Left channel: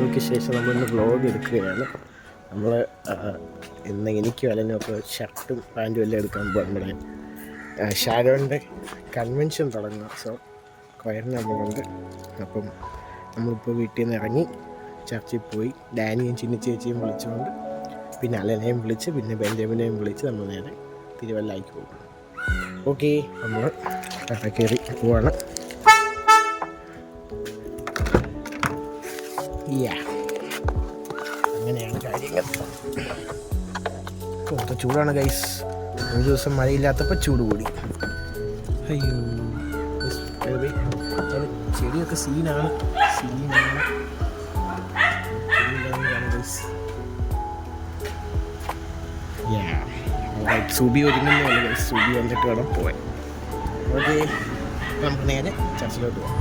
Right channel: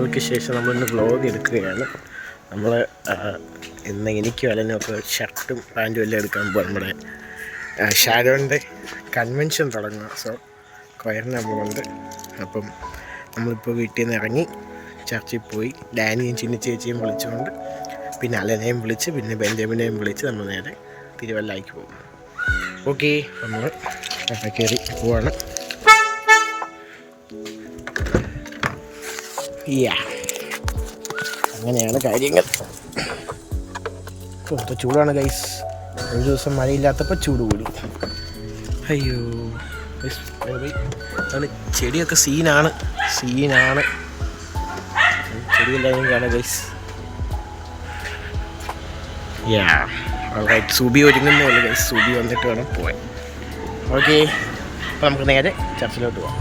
നാളുകൾക്ക് ശേഷം നമ്മളിന്ന് വ്ളോഗ് എടുക്കുകയാണ്. നമ്മൾ ഇന്ന് എനിക്കും അലനൊക്കെ ഷർട്ടും പാൻറ്റും എല്ലാം എടുക്കാൻ പോകും. നമ്മുടെ ഷാരോൻ്റെ കൺവെൻഷൻ തുടങ്ങുക. സോ കൊയറിന് പോകുന്നുണ്ട്. അപ്പം നമ്മളിപ്പോൾ വീട്ടിൽ നിന്ന് ഇറങ്ങി ചർച്ചിൽ പോയി ഡാനിയും ചിന്ന ചേച്ചിയും വിളിച്ചുകൊണ്ട് പിന്നെ അലനെയും വിളിച്ച് പിന്നെ ബെഞ്ചമിനെയും വിളിച്ച് നമ്മൾ നേരെ തിരുവല്ലയ്ക്ക് പോകും. ഓക്കെ, നമ്മൾ കയറി പോവാണ്. അങ്ങനെയാണ് കാര്യങ്ങൾ. ഇപ്പോൾ ചൂടാണ് ഗൈസ്. ഒരു ദിവസം മഴയില്ലാത്തപ്പോൾ ചൂട് കൂടി. അയ്യോ അങ്ങനെ ചെടിയൊക്കെ സീനാണ്. ചെടിയെല്ലാം കാണാം ഗൈസ്. സൂബി ഒരുങ്ങുന്നേ ഉള്ളൂ ഗൈസ്. സൂബി വന്നിട്ട് വേണം പോവാൻ. ഓക്കെ, അപ്പോൾ നമുക്ക് നേരെ ചർച്ചിലോട്ട് പോവാം.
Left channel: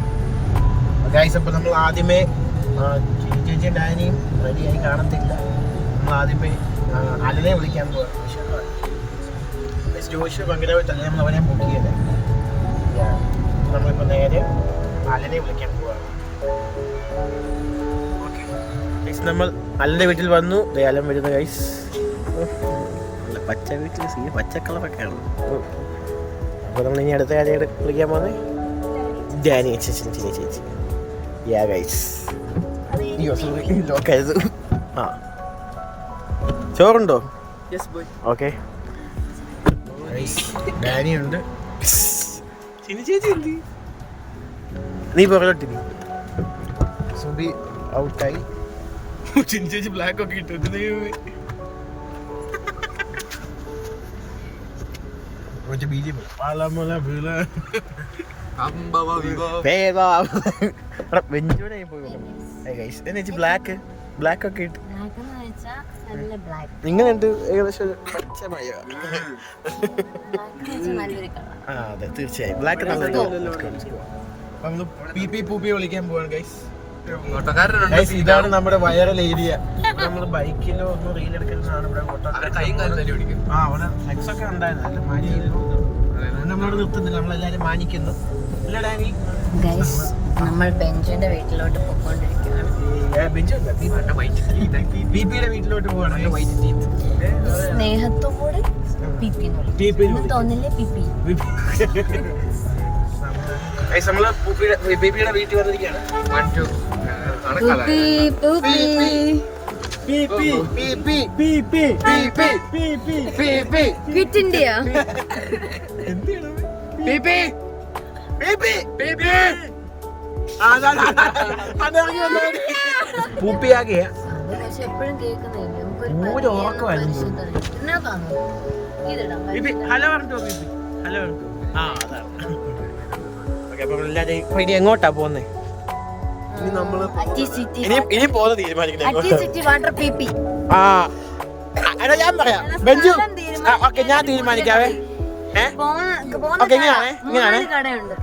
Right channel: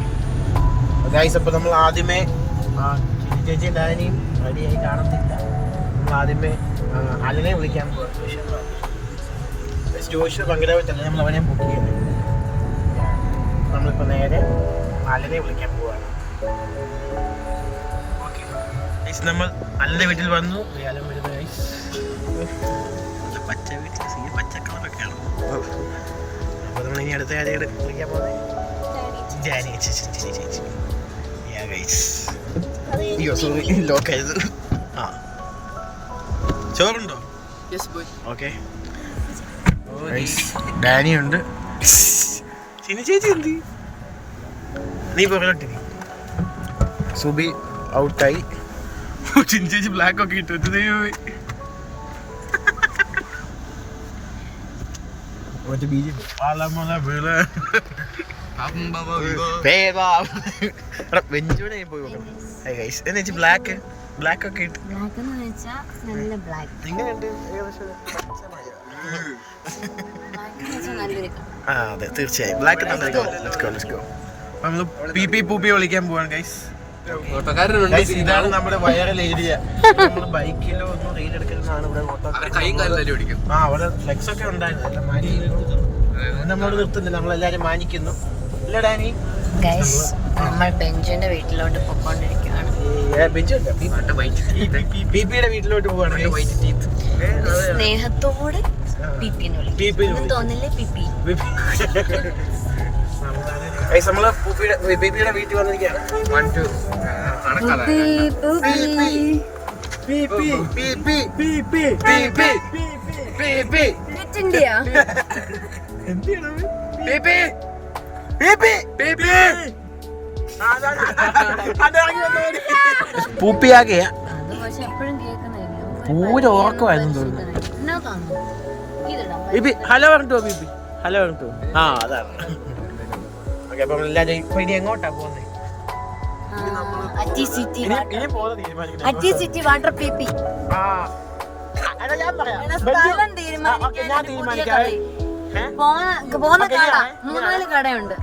ഗൈസ്, അപ്പോൾ നമ്മൾ ആദ്യമേ ചേച്ചിയും ഡാനിയും റെഡിയായി കാണത്തില്ല. നമ്മൾ ആദ്യമേ അലനെ വിളിക്കാൻ പോവാം. ജോഷിന് പങ്കെടുത്തില്ല, നമ്മൾ അവനെ ബുക്ക് ചെയ്തത്. അപ്പോൾ നമ്മളിപ്പോൾ നേരെ അലനെ വിളിക്കാൻ പോവാണ്. ഗൈസ്, നമ്മൾ അലൻ്റെ വീട്ടിൽ വന്നു. അലൻ വരുന്ന ഗൈസ്. നല്ല പച്ച വീട്ടിൽ പച്ച കളറൊക്കെയാണ്. അപ്പോൾ നമ്മൾ ഇനി അടുത്ത ആരെയോട് വിളിക്കാൻ പോകുന്നത് ഡാനി ചേച്ചി. ഗൈസ്, അയ്യോ സോറി, ലോക്കായത്. ചോറുണ്ടോ? ഓക്കെ, ഡാനിയുണ്ട്. ചിന്ന ചേച്ചി എന്ത്? നീ പുറകോട്ടി. സുബി ഔട്ടായി. ചിന്ന ചേച്ചി ബ്ലാക്ക് ഒക്കെ ഇട്ടു. ബ്ലാക്ക് ഒക്കെ ഇട്ട് നിങ്ങളുണ്ട് ഏകദേശം. അതെ, തീർച്ചയായും ബ്ലാക്ക് നല്ലൊരു. നമ്മള് പൂപ്പി വിളിക്കാൻ പോവാണ് ഗൈസ്. ഇതാണ് നമ്മുടെ വൈറൽ ഏരിയ. നമ്മള് ബൈക്കിലോ ഒന്നും റീൽ എടുക്കലാണ്. അവിടെ ഫ്ലെക്സ് ഒക്കെ ഉണ്ടായിരുന്നു. നമ്മൾ നിർത്തുന്നില്ല, നമ്മളെല്ലാരും മാനിക്കുന്നു. അല്ല ഡാനി? ഗൈസ്, നമ്മൾ ബെഞ്ചിന്റെ വീട്ടിലോട്ട് പൊക്കോണ്ടിരിക്കുകയാണ്. വീട്ടിലോട്ട് പോവാണ്. സ്നേഹത്തോടെ തോന്നില്ലേ പിപ്പി? നമ്മള് ബീബിയുടെ വീട്ടിൽ വന്നിരിക്കുകയാണ്. ഹലോ പറഞ്ഞോ ബീബി, ഹലോ പറഞ്ഞോ. അതാണ്. അപ്പം എല്ലാവരും എങ്ങോട്ടാ പോകുന്നത്? ഇനിയും പോകുന്ന തീരുമാനിക്കണം. ഞാൻ പറയാം. ഞാൻ തീരുമാനിക്കാവേ.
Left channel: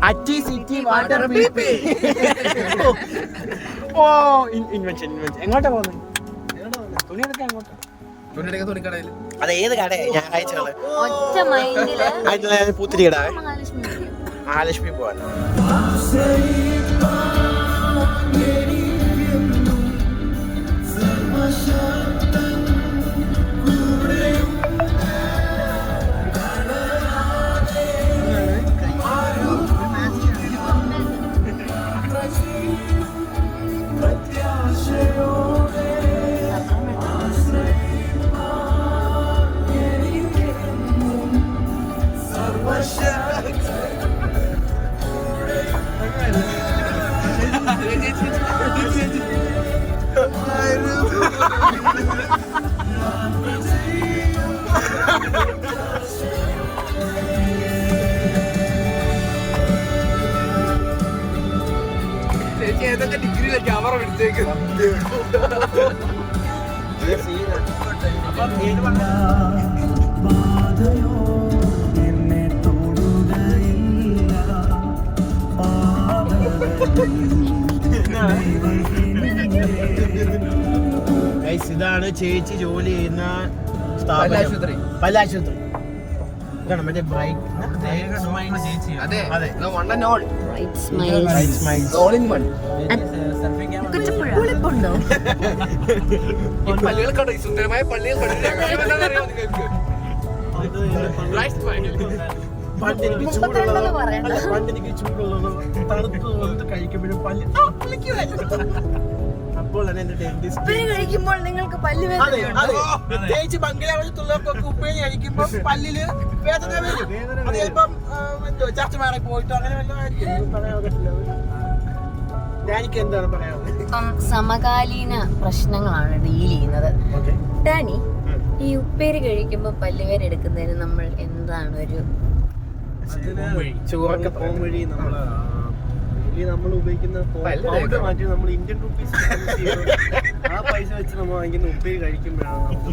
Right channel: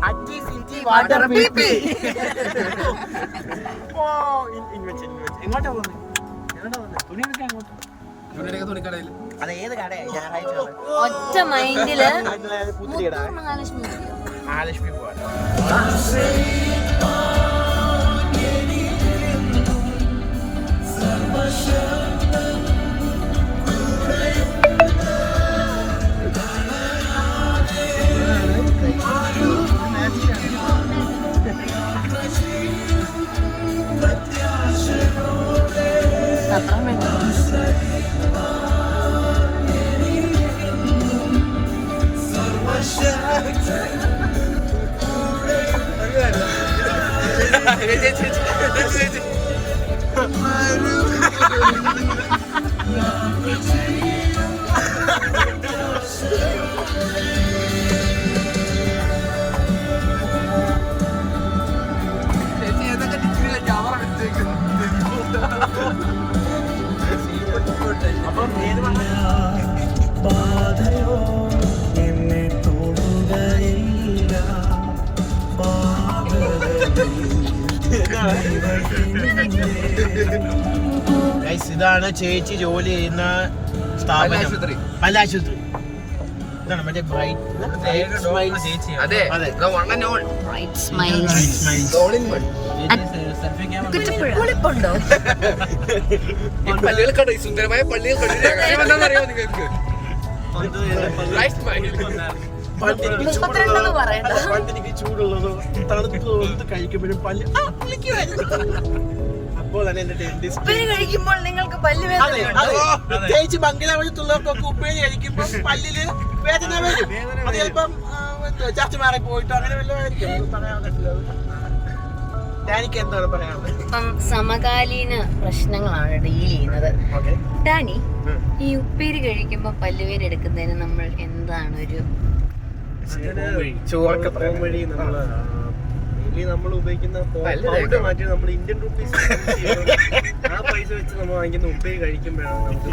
അറ്റി സിറ്റി വാട്ടർ പീപ്പി. എങ്ങോട്ടാ പോകുന്നത്? തുണിയൊക്കെ എങ്ങോട്ടാ? അത് ഏത് കടയാണ്? ഞായറാഴ്ച പൂത്തിരി കടാവേ. മഹാലക്ഷ്മി പോവാൻ. ഇതാണ് ചേച്ചി ജോലി ചെയ്യുന്ന സ്ഥാപനം, പല്ലാശുപത്രി. ഇതാണ് മറ്റേ അതെ one and all bright smiles all in one പുളിപ്പുണ്ടോ? പള്ളികൾ കണ്ടു, ഈ സുന്ദരമായ പള്ളികൾ കണ്ടു. രഹസ്യം എന്താണെന്നറിയോ നിങ്ങൾക്ക്? മുപ്പത്തിരണ്ടെന്ന് പറയണ്ട. പണ്ടെനിക്ക് ചൂടുള്ളത് തണുത്ത് കഴിക്കുമ്പോഴും പല്ല് അപ്പോൾ തന്നെ എന്റെ ഡെന്റിസ്റ്റ് ഉപ്പേരി കഴിക്കുമ്പോൾ നിങ്ങൾക്ക് പല്ല് വേദനയുണ്ടോ? പ്രത്യേകിച്ച് മംഗലാപുരത്തുള്ളവർക്കൊക്കെ ഉപ്പേരി കഴിക്കുമ്പോൾ പല്ലില് വേദന വരും. അത് ചിലപ്പം ചർച്ച മാറി പോയിട്ടോ അങ്ങനെ വല്ലതും ആയിരിക്കും. പറയാൻ പറ്റില്ല. ഡാനിക്ക് എന്താണ് പറയാനുള്ളത്? ഇപ്പം സമകാലീന പ്രശ്നങ്ങളാണ് ഡീൽ ചെയ്യുന്നത്. ഡാനി, ഈ ഉപ്പേരി കഴിക്കുമ്പോൾ പല്ലുവേദന എടുക്കുന്നതിന് നമ്മൾ എന്താണ് ഒരു ചോറൊക്കെ പോകും വഴി നമ്മൾ ഉപയോഗിക്കുന്ന പൗഡർ മാറ്റി നമ്മൾ ഇന്ത്യൻ റുപ്പീസ് ആ പൈസ വെച്ച് നമ്മൾ വാങ്ങിക്കുന്ന ഉപ്പേരി കഴിക്കുമ്പോഴാണ് നമുക്ക്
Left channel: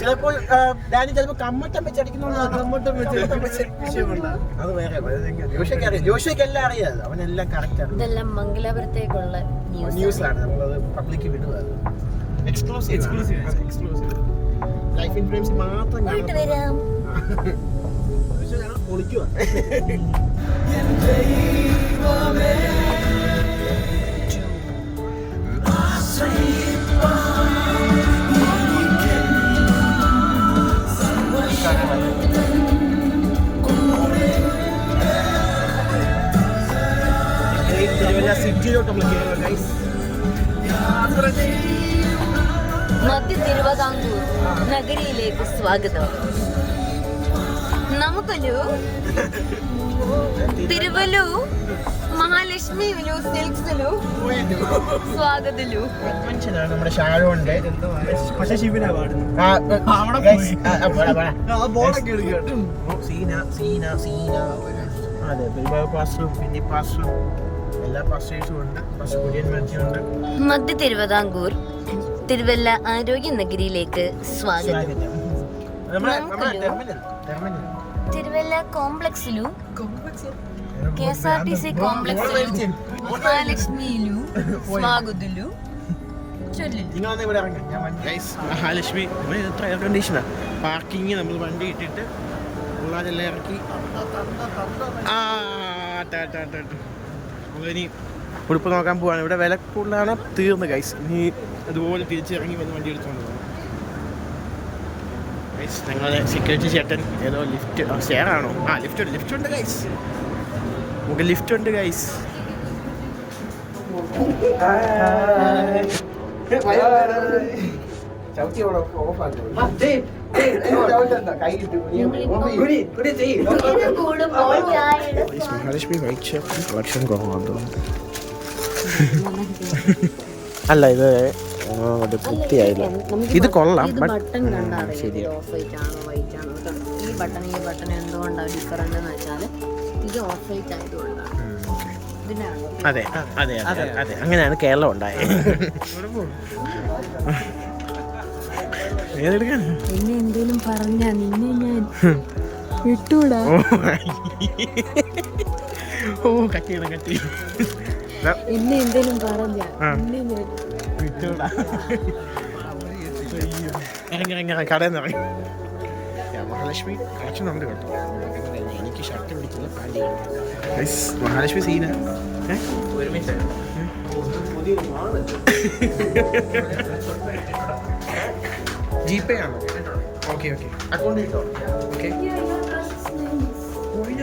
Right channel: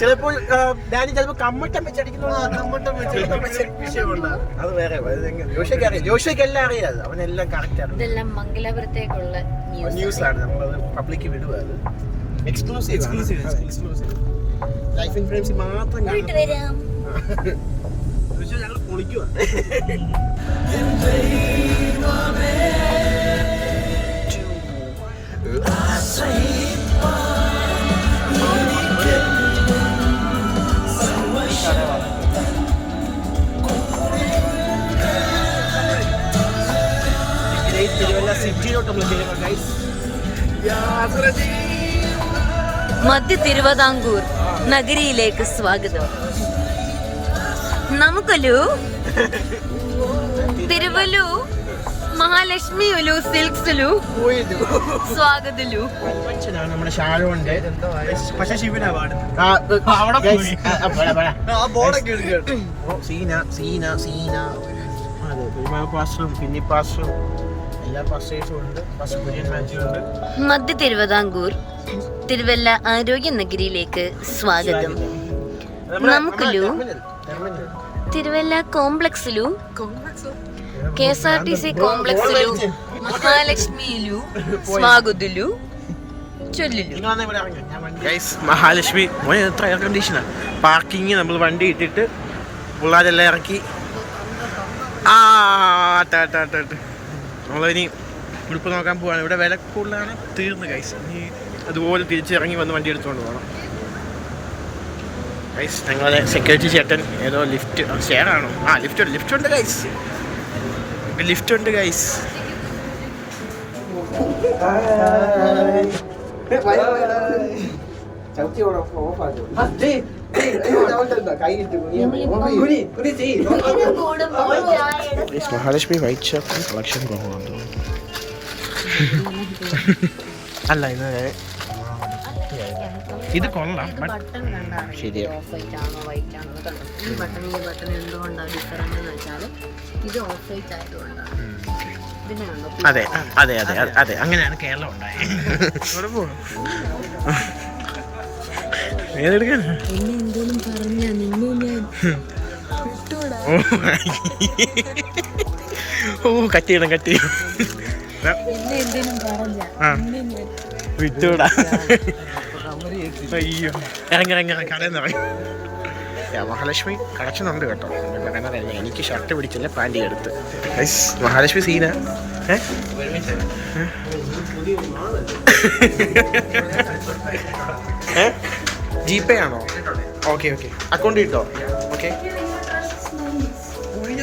ചിലപ്പോൾ ഡാനി ചിലപ്പോൾ കമ്മട്ടം വെച്ചടിക്കുന്നോണ്ടാണ് അത് വേറെ ജോഷിക്ക് എല്ലാം അറിയാം. അവനെല്ലാം കറക്റ്റ് ആണ്. ഇതെല്ലാം മംഗലാപുരത്തേക്കുള്ള ന്യൂസ് ആണ്. നമ്മളത് പബ്ലിക്ക് വിടുക. എക്സ്ക്ലൂസീവ് ലൈഫ് ഇൻഫ്ലുവൻസ് മാത്രം പോയിട്ട് വരാം. ഞങ്ങൾ പൊളിക്കുക. മധ്യ തിരുവിതാംകൂർ നഗരിയിലേക്ക് സ്വാഗതം. നമുക്കൊരു തിരുവല്ലു മഹാലക്ഷ്മിയിലു സിൽക്സിലു സ്വാഗതലു. നമ്മുടെ ഷാരോണ്ട് പക്ഷെ ശിവനാ പാടുന്നത്. അതെ, ഒരുപാട് പാസ്റ്ററും കുഞ്ഞി പാസ്റ്ററും എല്ലാ പാസ്റ്റേഴ്സും ഉണ്ട്. പാസ്റ്റർ കുര്യൻ മാത്യു ഉണ്ട്. മധ്യ തിരുവിതാംകൂർ തിരുവല്ല ആരോഗ്യ നഗരിയിലേക്ക് സ്വാഗതം. നമുക്കൊരു തിരുവല്ല കോംപ്ലക്സിലു KSRTC കോംപ്ലക്സിലു മഹാലക്ഷ്മിയിലു സ്വാഗതലു ചൊല്ലിലു. മഹാലക്ഷ്മി മോനെ എത്ര എയർ കണ്ടീഷനാ. പാർക്കിങ് നമ്മൾ വണ്ടി ഇട്ടിട്ട് പിള്ളേരെല്ലാം ഇറക്കി നമ്മളിനി ഉടുപ്പ് നോക്കാൻ പോവാണ്. ഇവിടെ വില കൂടുതലാണ്, തീർന്ന് ഗൈസ്. ഇനി അതുപോലെ തിരിച്ചിറങ്ങി വന്ന് വണ്ടി എടുത്തുകൊണ്ട് പോകണം ഗൈസ്. ഞങ്ങളുടെ സെക്യൂരിറ്റി ചേട്ടൻ ഏതോ ലിഫ്റ്റ് ഷെയർ ആണോ? ലിഫ്റ്റ് ഉണ്ട് ഗൈസ്. നമുക്ക് ലിഫ്റ്റ് ഉണ്ട് guys. Mahalakshmi white shirt collection കുറവാണ്. അല്ല ഇത് വൃത്തിയായില്ല. ഇത് കൊള്ളാം, ശരിയാ. അതെ അതെ അതെ അതെ, അങ്ങനെയാണ് കേരളം ഉണ്ടായത്. ഏതെടുക്കാൻ എന്നെ എന്തേലും പറഞ്ഞാ നിന്നെ ഞാൻ വിട്ടൂടാ. ഓ കട്ട് ചെയ്യണം എന്നെ എന്തേലും പറഞ്ഞാ വിട്ടൂടാ. അയ്യോ ഇറങ്ങി കടയിൽ നിന്ന് ഇറങ്ങി. മഹാലക്ഷ്മി കളക്ഷൻ ഉണ്ട് കേട്ടോ. പറയുന്നതല്ല, എനിക്ക് ഷർട്ട് പിടിച്ചില്ല, പാൻറ് എടുത്ത്. മഹാലക്ഷ്മി സീന ജിപേ ആണോ? ഓക്കെ അക്കൗണ്ട് കിട്ടോ? ഓക്കെ.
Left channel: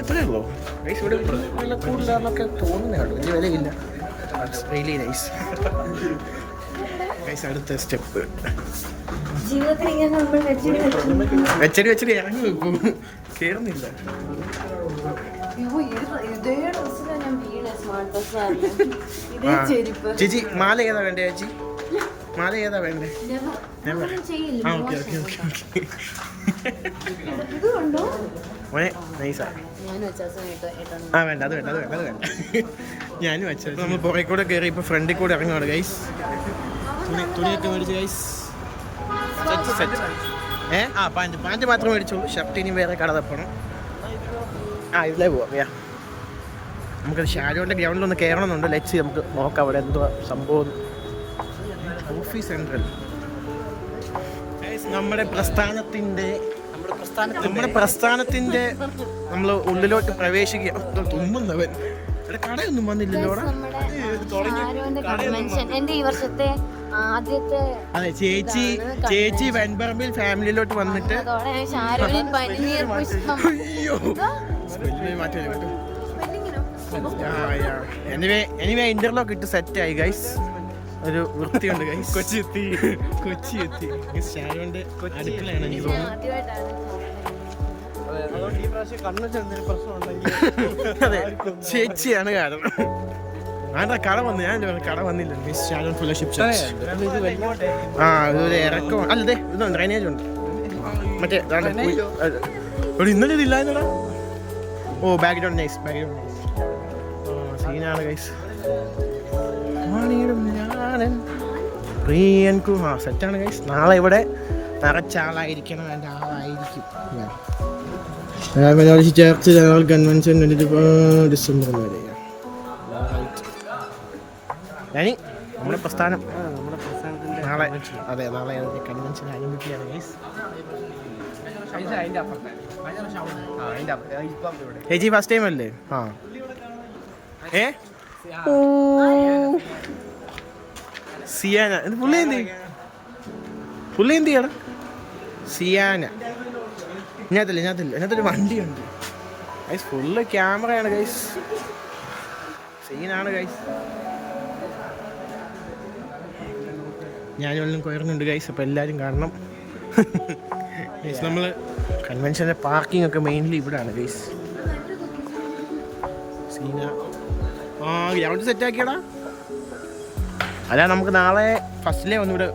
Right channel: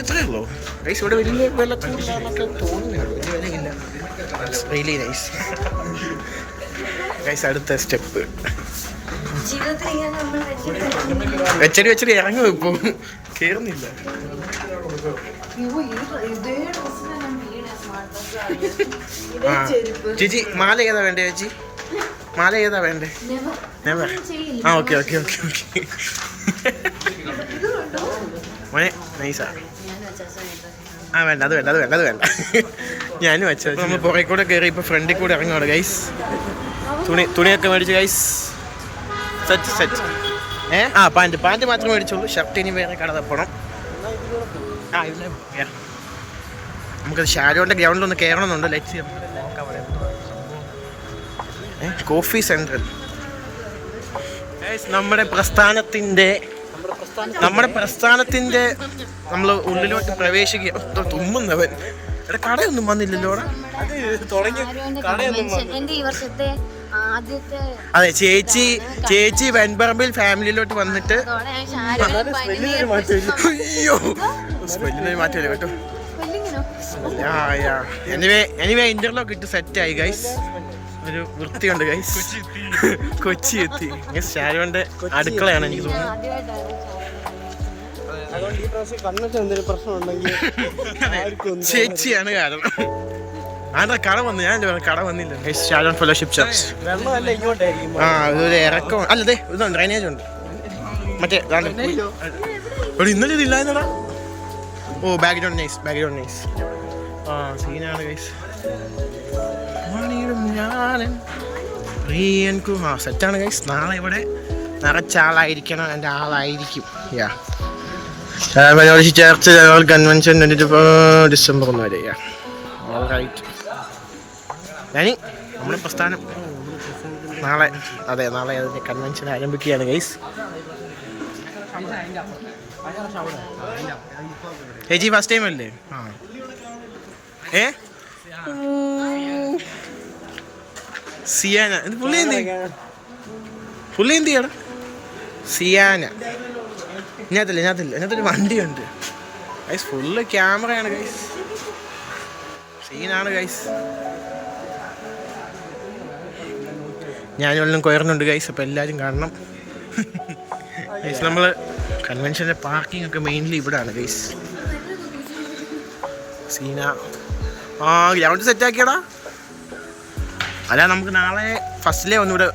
അത്രേ ഉള്ളൂ ഗൈസ്. ഇവിടെ വലിയ വില കൂടുതലാന്നൊക്കെ തോന്നുന്നേ ഉള്ളൂ, വലിയ വിലയില്ല. Really nice guys. അടുത്ത സ്റ്റെപ്പ് വെച്ചടി ഇറങ്ങും. ഇപ്പൊ കേറുന്നില്ല. ചേച്ചി മാല ഏതാ വേണ്ടേ? ചേച്ചി മാല ഏതാ വേണ്ടേ? ഓക്കെ മോനെ നൈസാ. വേണ്ട അത് വേണ്ട. ഞാനും വെച്ച നമ്മൾ പുറകെ കൂടെ കയറി ഇപ്പൊ ഫ്രണ്ടിൽ കൂടെ ഇറങ്ങുവാണ് ഗൈസ്. തുണിയൊക്കെ മേടിച്ചു ഗൈസ്. സെറ്റ്. പാൻറ് മാത്രമേ മേടിച്ചുള്ളൂ. ഷർട്ട് ഇനി വേറെ കട തപ്പണം. ഇതിലേ പോവാം. നമുക്കത് ഷാരോന്റെ ഗ്രൗണ്ടിലൊന്ന് കയറണമെന്നുണ്ട്. ലെറ്റ്സ് നമുക്ക് നോക്കാം അവിടെ എന്തുവാ സംഭവം. കോഫി സെൻട്രൽ നമ്മുടെ പ്രസ്ഥാനത്തിന്റെ നമ്മൾ ഉള്ളിലോട്ട് പ്രവേശിക്കുക. തുമ്മുന്നവൻ ഇവിടെ കടയൊന്നും വന്നില്ലല്ലോ. എന്റെ ഈ വർഷത്തെ ആദ്യത്തെ അതെ, ചേച്ചി വെൺപറമ്പിൽ ഫാമിലിയിലോട്ട് വന്നിട്ട് അയ്യോ സ്മെല്ലിന് മാറ്റല്ലേ കേട്ടോ. എനിവേ ഇന്റർലോക്ക് ഇട്ട് സെറ്റ് ആയി ഗൈസ്. ഒരു വൃത്തിയുണ്ട് ഗൈസ്. കൊച്ചി എത്തി. ഷാരുവിന്റെ അടുക്കളയാണ് എനിക്ക് തോന്നുന്നു. അതെ, ചേച്ചിയാണ് കാരണം. അതാ കട വന്നു. ഞാൻ കട വന്നില്ല. Sharon fellowship church. ഇതൊരു ഇറക്കം അല്ലേ. ഇതുണ്ട്, ഡ്രൈനേജ് ഉണ്ട്. മറ്റേ ഇന്നലെ ഇതില്ലായിരുന്നടാ. ഓ ബാക്ക്ഗ്രൗണ്ട് നൈസ്. സീനാണ് ഗൈസ്. സെറ്റാണ് ഗൈസ്. നാളെ ഇവിടെ നിറച്ചാളായിരിക്കണം. എൻ്റെ ആളായിരിക്കും. ചർച്ച് കൺവെൻഷൻ ഡിസംബർ 1 വരെ. നമ്മുടെ പ്രസ്ഥാനം നാളെ അതിന്റെ കൺവെൻഷൻ ആരംഭിക്കുകയാണ് ഗൈസ്. ചേച്ചി ഫസ്റ്റ് ടൈം അല്ലേ? സിയാന പുള്ളി എന്ത് ചെയ്യണം? സിയാന ഇതിനകത്തൊരു വണ്ടിയുണ്ട് ഗൈസ്. ഫുള്ള് ക്യാമറയാണ് ഗൈസ്. സീനാണ് ഗൈസ്. ഞാനും എല്ലാം കൊയർന്നുണ്ട് ഗൈസ്. അപ്പോൾ എല്ലാവരും കാണണം ഗൈസ്. നമ്മൾ കൺവെൻഷൻ്റെ പാർക്കിംഗ് ഒക്കെ മെയിൻലി ഇവിടെയാണ് ഗൈസ്. സീന ഗ്രൗണ്ട് സെറ്റാക്കിയടാ. അല്ല, നമുക്ക് നാളെ ഫസ്റ്റിലേ ഒന്നിവിടെ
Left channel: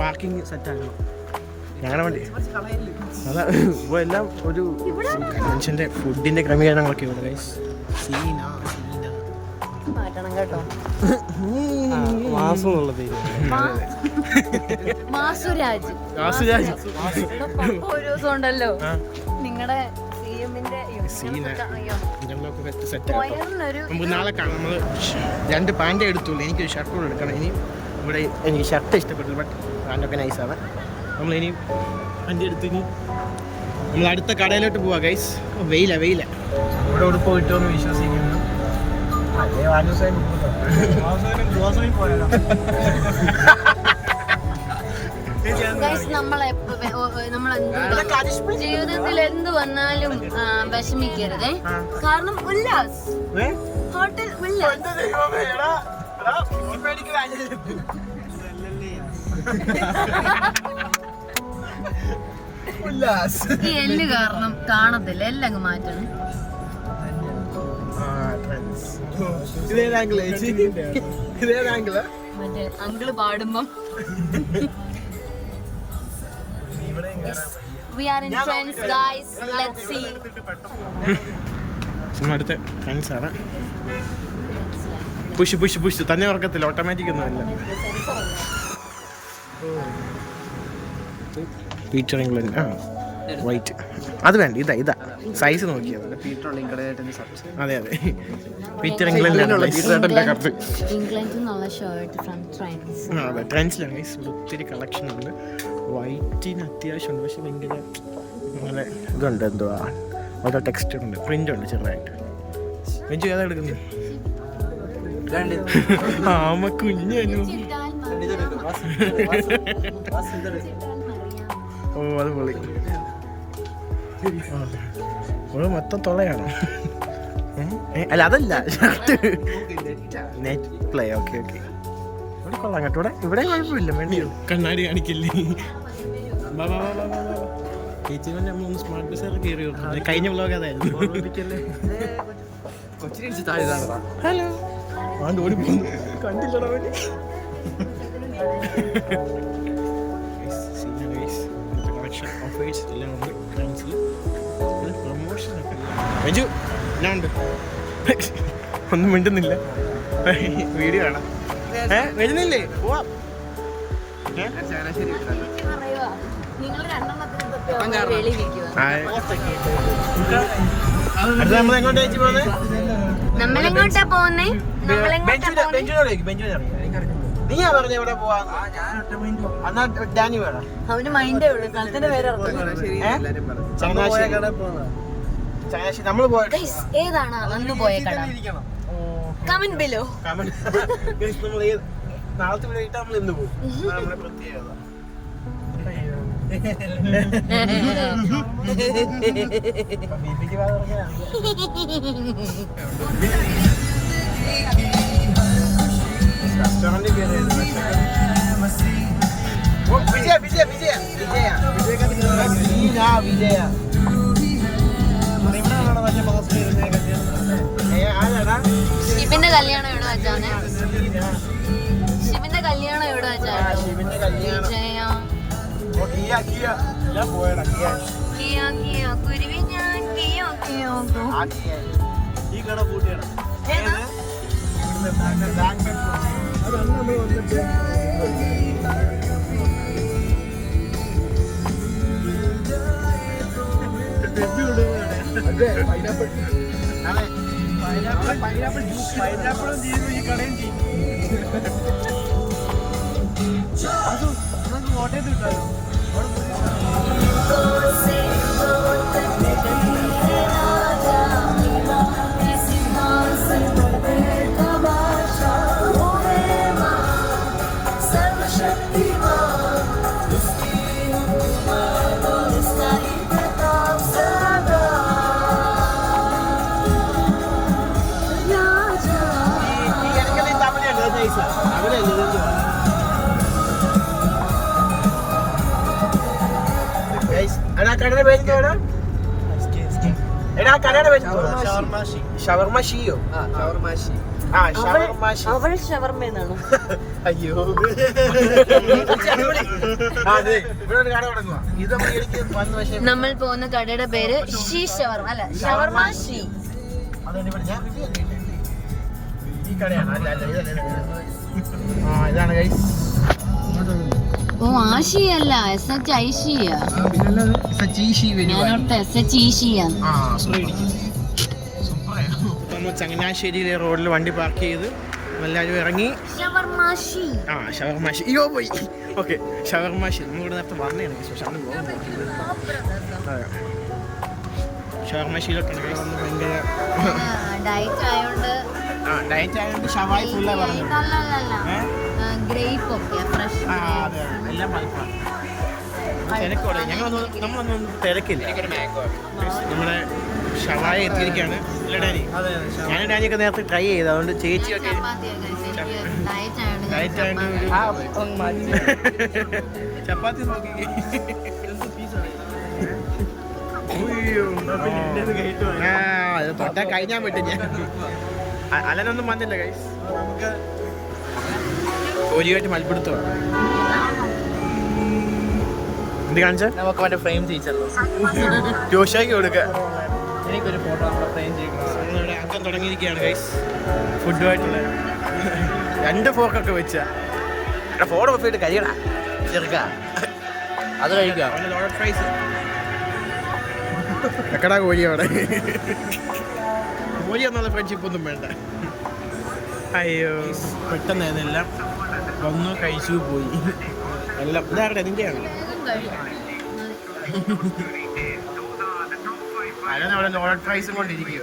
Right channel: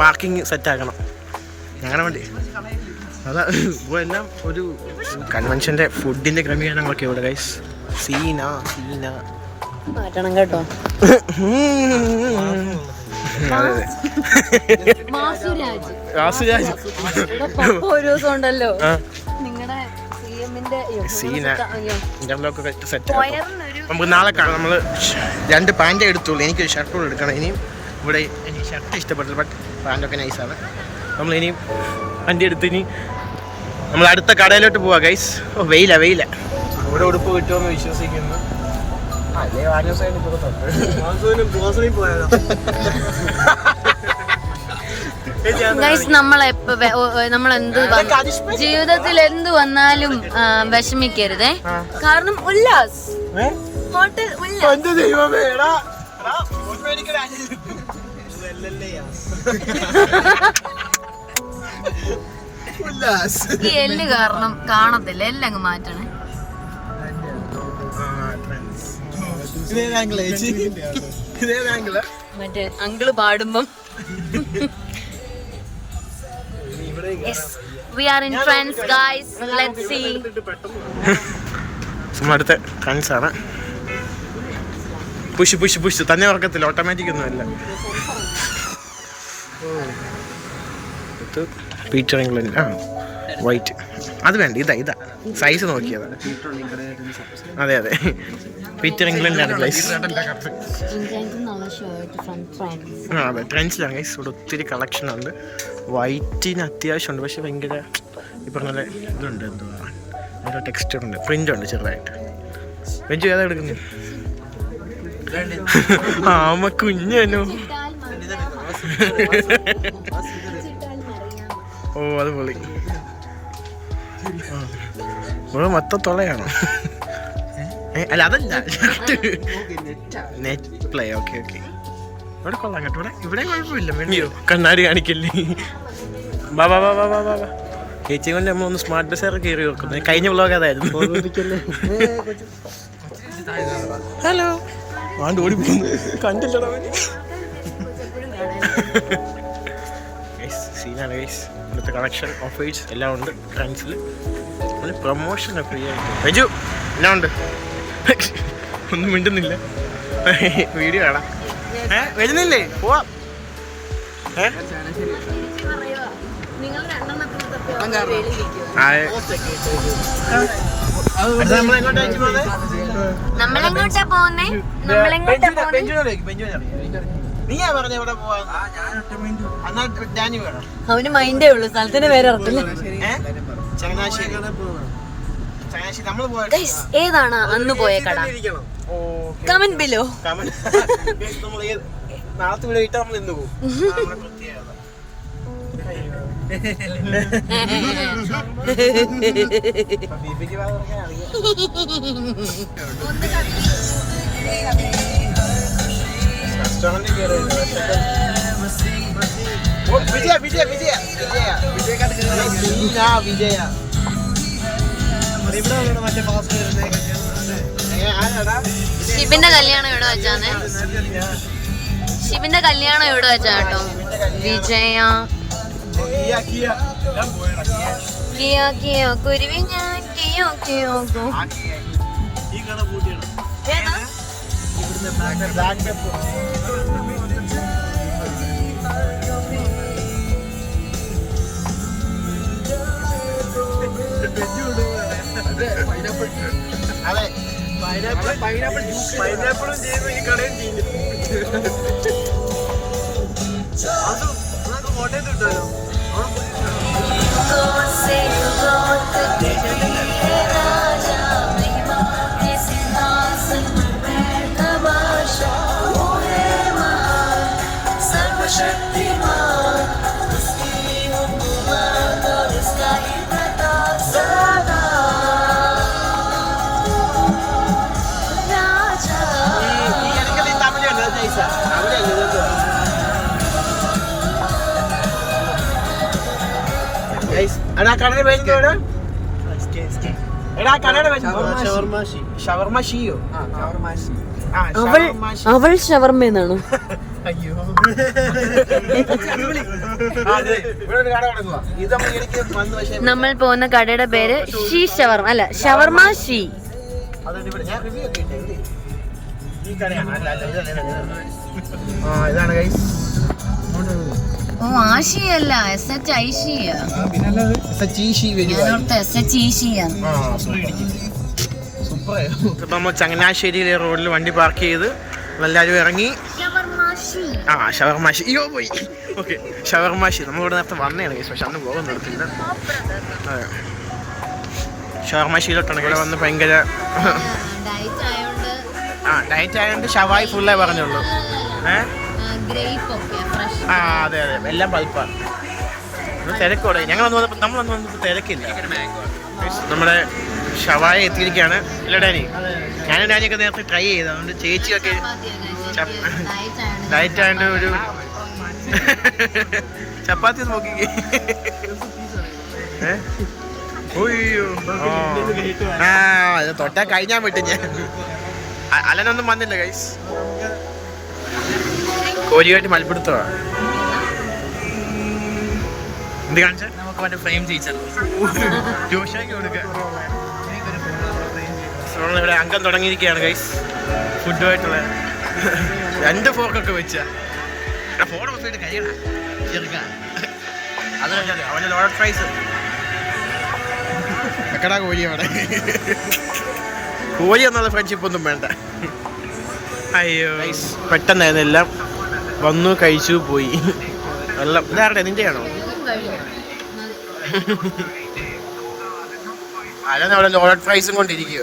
പാർക്കിംഗ് സെറ്റാക്കണം ഞങ്ങളുടെ വണ്ടി. അതാ ഇപ്പോൾ എല്ലാം ഒരു കൺവെൻഷൻ്റെ ഫുഡിൻ്റെ ക്രമീകരണങ്ങളൊക്കെ ഇവിടെ ഗൈസ്. സീന കേട്ടോ. അതെ ഒരു ദിവസം ഉണ്ടല്ലോ നിങ്ങളുടെ സീന ഇന്റർലോക്ക് വെച്ച് സെറ്റ് ആക്കാം. നമുക്ക് നാളെ കാണാം. നമ്മൾ 2 പാൻറ്റേ എടുത്തുള്ളൂ. എനിക്കൊരു ഷർട്ട് കൂടെ എടുക്കണം. ഇനിയും ഇവിടെ എനിക്ക് ഷർട്ട് ഇഷ്ടപ്പെട്ടില്ല, ബട്ട് പാൻറ്റൊക്കെ നൈസാണ്. നമ്മളിനിയും വണ്ടി എടുത്ത് ഇനി നമ്മൾ അടുത്ത കടയിലോട്ട് പോവാ ഗൈസ്. വെയില ഇവിടെ ഉടുപ്പ് കിട്ടുമെന്ന് വിശ്വസിക്കുന്നു. നമ്മളെന്ത് ജീവിതത്തിൽ എന്ത് വന്നാലും വിഷമിക്കരുതേ. കാരണം ഉല്ലാസ് ഹോട്ടൽ ഈ എല്ല് കാരണം കാണത്തില്ല. എല്ലാം അങ്ങ് മാറ്റണേ. മറ്റേ അങ്കിള് പാടുമ്പം Yes, we are in friends guys. Let's see. അടുത്ത ഫ്രണ്ട്സ് ആണ്. പുഷ് തന്നെ ഉറക്കത്തില്ല. ഓട്ടോമാറ്റിക് ഒന്നും അല്ല. പീറ്റർ ഇംഗ്ലണ്ട് വൈറ്റ് അത് വേണ്ട. ഇതാ സൈസ് നോക്കിയതാണ്. അതെ പീറ്റർ ഇംഗ്ലണ്ടിലാണ് ഗൈസ്. അതെ ട്രെൻഡ്സിലാണ് ഗൈസ്. ഇവിടെ ഒത്തിരി കളക്ഷൻ ഉണ്ട്. വൈറ്റിന് അത്യാവശ്യമുണ്ട്, പക്ഷെ ഭയങ്കര ഈ പറഞ്ഞ ഇതുണ്ട്. എന്തുവാ ഓരോ ടെക്സ്ചർ ഉണ്ട്, പ്രിന്റ് ഉണ്ട് ചെറുതായിട്ട്. വെഞ്ചു ഏതാ എടുക്കുന്നു? ആമ കുഞ്ഞനോ. ഓ അത് പൊളി. ഇവിടെ മൊത്തം തൊളയാണോ? അല്ല അതല്ല, നെറ്റ് പ്ലേ. ഓക്കെ ഇവിടെ കൊള്ളാം കേട്ടോ. ഇവിടെ കുഴപ്പമില്ല. വേണ്ടിയോ കണ്ണാടി കാണിക്കല്ലേ. ബാബാ ചേച്ചി കൊണ്ട് നമ്മൾ ഒന്ന് സ്മാർട്ട് ബസ്സൊക്കെ കയറി വെക്കുന്നത്. കഴിഞ്ഞ വ്ളോഗ് അതായിരുന്നു. ഹലോ ഓടി പോകുന്നു കണ്ടില്ലടാ. സീനാണ് ഗൈസ്. ഇന്നത്തെ കളക്ഷൻ ഓഫേഴ്സ് എല്ലാം ഉണ്ട് ഫ്രണ്ട്സിൽ. പ്രൊമോഷൻ ഫ്രീ ആയിട്ട്. വെജു എന്നാ ഉണ്ട്? ഒന്നും മിണ്ടുന്നില്ല. വീഡിയോ കാണാം. വരുന്നില്ലേ? പോവാം. നമ്മളെങ്ങോട്ടാ പോകുന്നേ? നീയാ പറഞ്ഞ എവിടെ പോവാ? എന്നാ ഡാനി വേണം. അവന് മൈൻഡേ ഉള്ളൂ, സ്ഥലത്തിന് പേര് അറിയില്ല. ചങ്ങനാശ്ശേരി നമ്മള് പോയ ഏതാണ് അന്ന് പോയ കട? Comment below. നാളത്തെ വീട് കിട്ടാൻ നമ്മൾ ഇന്ന് പോകും. പ്രത്യേകത വിജയ വിജയ വിജയ വിജയ ശിവന്റെ കല്യാണം എവിടെ വെച്ചാന്നേ? ശിവന്റെ കല്യാണം എവിടെ വെച്ചാ കേട്ടോ? വിജയ കിയോ കിയോ കുരുവി ഞാൻ കിയോ കിയോ. ഈ കട പൂട്ടിയാണ്. പൈനാപ്പിളും ചെയ്യുന്നു, ഈ കടയും ചെയ്യുന്നു. അത് നമുക്ക് കോട്ടയത്ത് കിട്ടാലോ. അവൾ ഷവർമ്മ എന്നാണോ? അയ്യോ നമ്മൾ പോകുന്ന കടയുടെ പേര് ഷീ ഷവർമ്മ അല്ല, ഷവർമ്മ ഷീ. ഇതാണ് ഓ ആഷിയല്ല, SHISHI. ഇപ്പൊ നമ്മൾ ചങ്ങനാശ്ശേരിയിലെ റോഡിൽ വണ്ടി പാർക്ക് ചെയ്ത് എല്ലാവരും ഇറങ്ങി. ഷവർമാഷി അയ്യോ പോയി. ഓക്കെ, ഷവർമാഷി നമ്മളിവിടെ നേരത്തെ വന്നതാണ്, പക്ഷെ അന്ന് പോകാൻ നിർത്തില്ല. അതെ, ഷവർമാഷിയിലോട്ടാണ് ഇവിടെ വന്ന് ഭയങ്കര ഡയറ്റ് ആയതുകൊണ്ട് ഷവായി ഫുള്ളായി പറഞ്ഞുള്ളൂ. അതെ അതെ, എല്ലാം പൽപ്പാണ്. തിരക്കോടെ നമ്മളന്ന് വന്നപ്പോൾ തിരക്കില്ല. നമ്മുടെ ഷവായ എത്തിയിരിക്കുകയാണ്. ഇല്ല ഡാനി, ഞാനും ഡാനിയൊക്കെ നേരത്തെ ട്രൈ ചെയ്ത്, അതുകൊണ്ട് ചേച്ചിയൊക്കെ ഡയറ്റ് ആയതുകൊണ്ട് ഒരു ചപ്പാത്തി നോക്കിക്കേ. അയ്യോ ഇത് തൊട്ടാ കഴിഞ്ഞാൻ പറ്റും. ഞാൻ അലനൊന്നും വന്നില്ല ഗൈസ്, കോരിയായിട്ട് മൽപ്പിടുത്തമാണ്. എന്ത് കാണിച്ച നമുക്ക് മറ്റേ ഫ്രെയിം ചെയ്യിച്ചല്ലോ, ജോഷാക്ക് കൊടുക്കുക. ഇവിടെ അംഗം തുടങ്ങിയിരിക്കുകയാണ് ഗൈസ്, ഫുഡുമായിട്ടുള്ള 2 ഫോർക്കൊക്കെ വെച്ച ഫോൺ വെച്ചിട്ട് കഴിയണം ചെറുക്ക. അത് അവൻ്റെ ലോഡഡ് ഫ്രൈസ് എക്കടാ കോഴി. അവിടെ കോഴി എന്നുള്ള ഫ്രണ്ട്ഷിപ്പ് ഒന്നും വേണ്ട. അയ്യോ പെട്ടെന്നായിരുന്നു, എല്ലാം വന്നു കഴിച്ചു പോയി. വെള്ളം ഇതാരുടെ നിൻ്റെയാണോ? അല്ലാതെ അവിടെ ലോഡഡ് ഫ്രൈസും കൊണ്ടിരിക്കുക.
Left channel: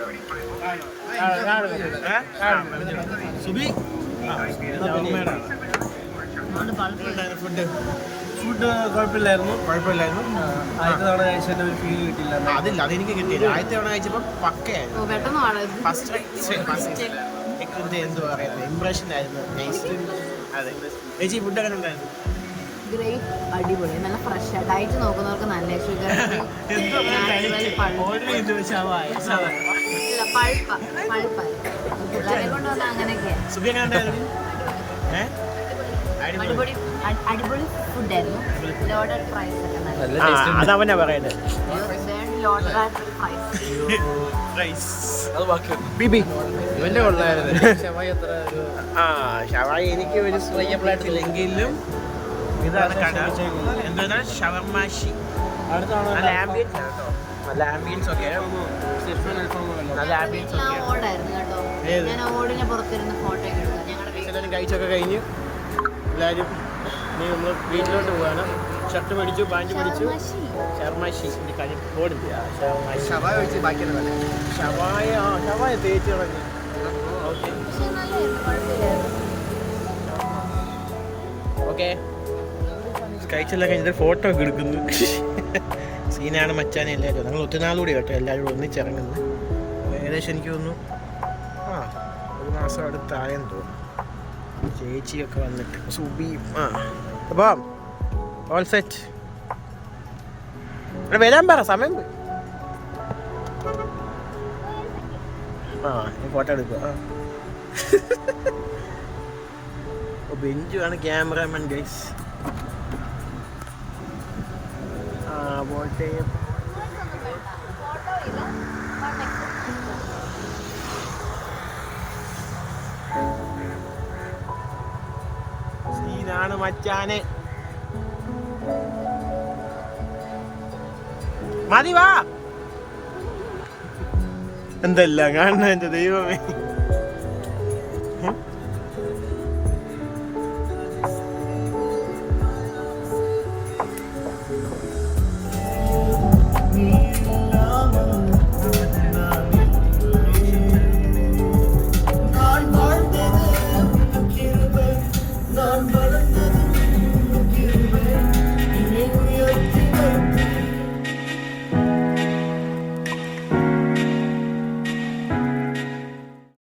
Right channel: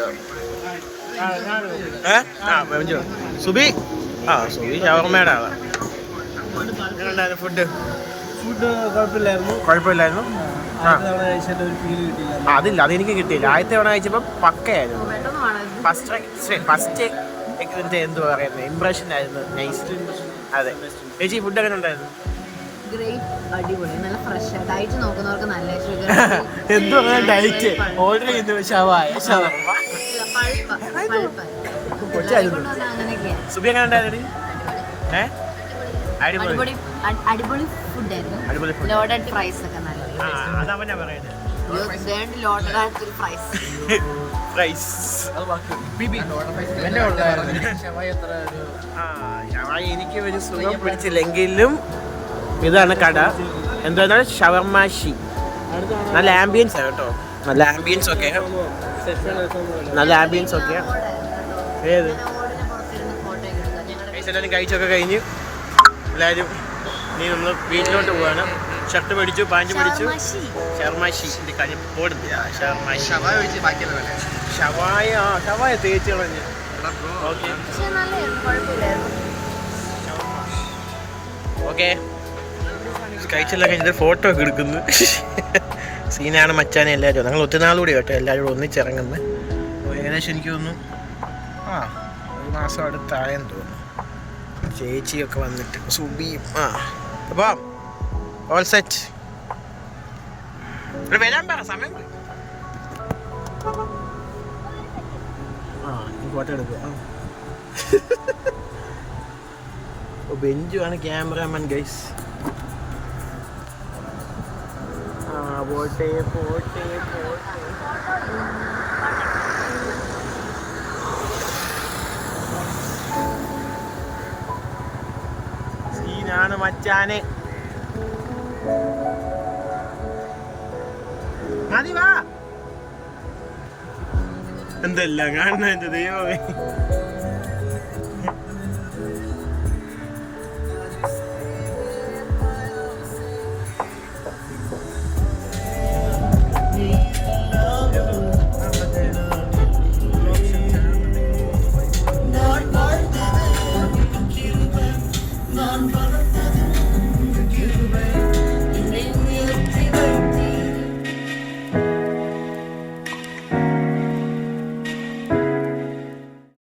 സുബി സുബി ഷവർമ്മയുടെ ആളാണ്. ഫുഡ് കുഴപ്പമില്ലായിരുന്നു. അതില്ല, അതെനിക്ക് കിട്ടിയില്ല. ആദ്യത്തെ തവണ കഴിച്ചപ്പോൾ പക്കയായിരുന്നു. ഫസ്റ്റ് എന്ത് പറയുന്നത് ഇംപ്രഷൻ ആയിരുന്നു, നൈസ്. അതെ ചേച്ചി, ഫുഡ് എങ്ങനെ ഉണ്ടായിരുന്നു? ഗ്രേപ്പ് അടിപൊളി, നല്ല ഫ്രഷ്. ഡയറ്റ് നോക്കുന്നവർക്ക് നല്ല ഷുഗർ പിള്ളേരെ കൊണ്ടുവന്ന അങ്ങനെയൊക്കെയാ. സുബി എങ്ങനെ ഉണ്ടായിരുന്നു? അടിപൊളി ഫുഡായിരുന്നു. ലോഡഡ് ഫ്രൈസ് ഒക്കെ അതവനാ പറയുന്നത്. ഇവന്റെ ഉള്ളായിരുന്നു ഷവായി. എനിക്ക് ഒരു സുഖം പിടിച്ചില്ലെങ്കിലും ഇതാണ് കട. എന്താണ് ഷവർമാഷി. നല്ല ആംബിയൻസ് ആണ് കേട്ടോ, നല്ല ആംബിയൻസ് ഒക്കെ, നല്ല ആംബിയൻസ് ഒക്കെ. ഏത് എല്ലാവരും കഴിച്ചൊക്കെ കഴിഞ്ഞ് എല്ലാവരും ഇനി നമ്മൾ വീട്ടിലോട്ട് പോവാണ്. ഷർട്ട് മേടിച്ചു, പാൻറ് മേടിച്ചു. ഷർമാശി എൻ്റെ കാര്യം ഓടുന്നത്. ഷർമാശി ഷവായ ഒഴിച്ച് ബാക്കിയെല്ലാം പറയാം. ഷവായ തേച്ച് കളഞ്ഞ്. ഓക്കെ ഓക്കെ കഴിച്ചെല്ലാം കഴിഞ്ഞിട്ട് ഫോട്ടോ ഒക്കെ എടുക്കുന്നു. സീനാണ് മച്ചാനെ എല്ലാവരും. ഞങ്ങൾ ഒത്തിരിനാളുകൂടി കേട്ടോ എല്ലാവരും കൂടെ ഒന്നിച്ചിറങ്ങുന്നത്. ഏകദേശം എനിക്ക് തോന്നുന്നു 1 മാസം അടുത്തായെന്ന് തോന്നുന്നു. ചേച്ചിയൊക്കെ വന്നിട്ട് സുബിയും അപ്പം ഓൾ സെറ്റ്. ഇവിടെ വരാൻ പറ, സമയം പോയി. ഈ ഫോട്ടോ എടുക്കുക. ബെഞ്ചുമാണ് ക്യാമറാമാൻ ഗൈസ്. പോട്ടെ പോട്ടെ പോട്ടെ. സീനാണ് മച്ചാനെ. മതി വാ. എന്തെല്ലാം കാണുന്ന എൻ്റെ ദൈവമേ.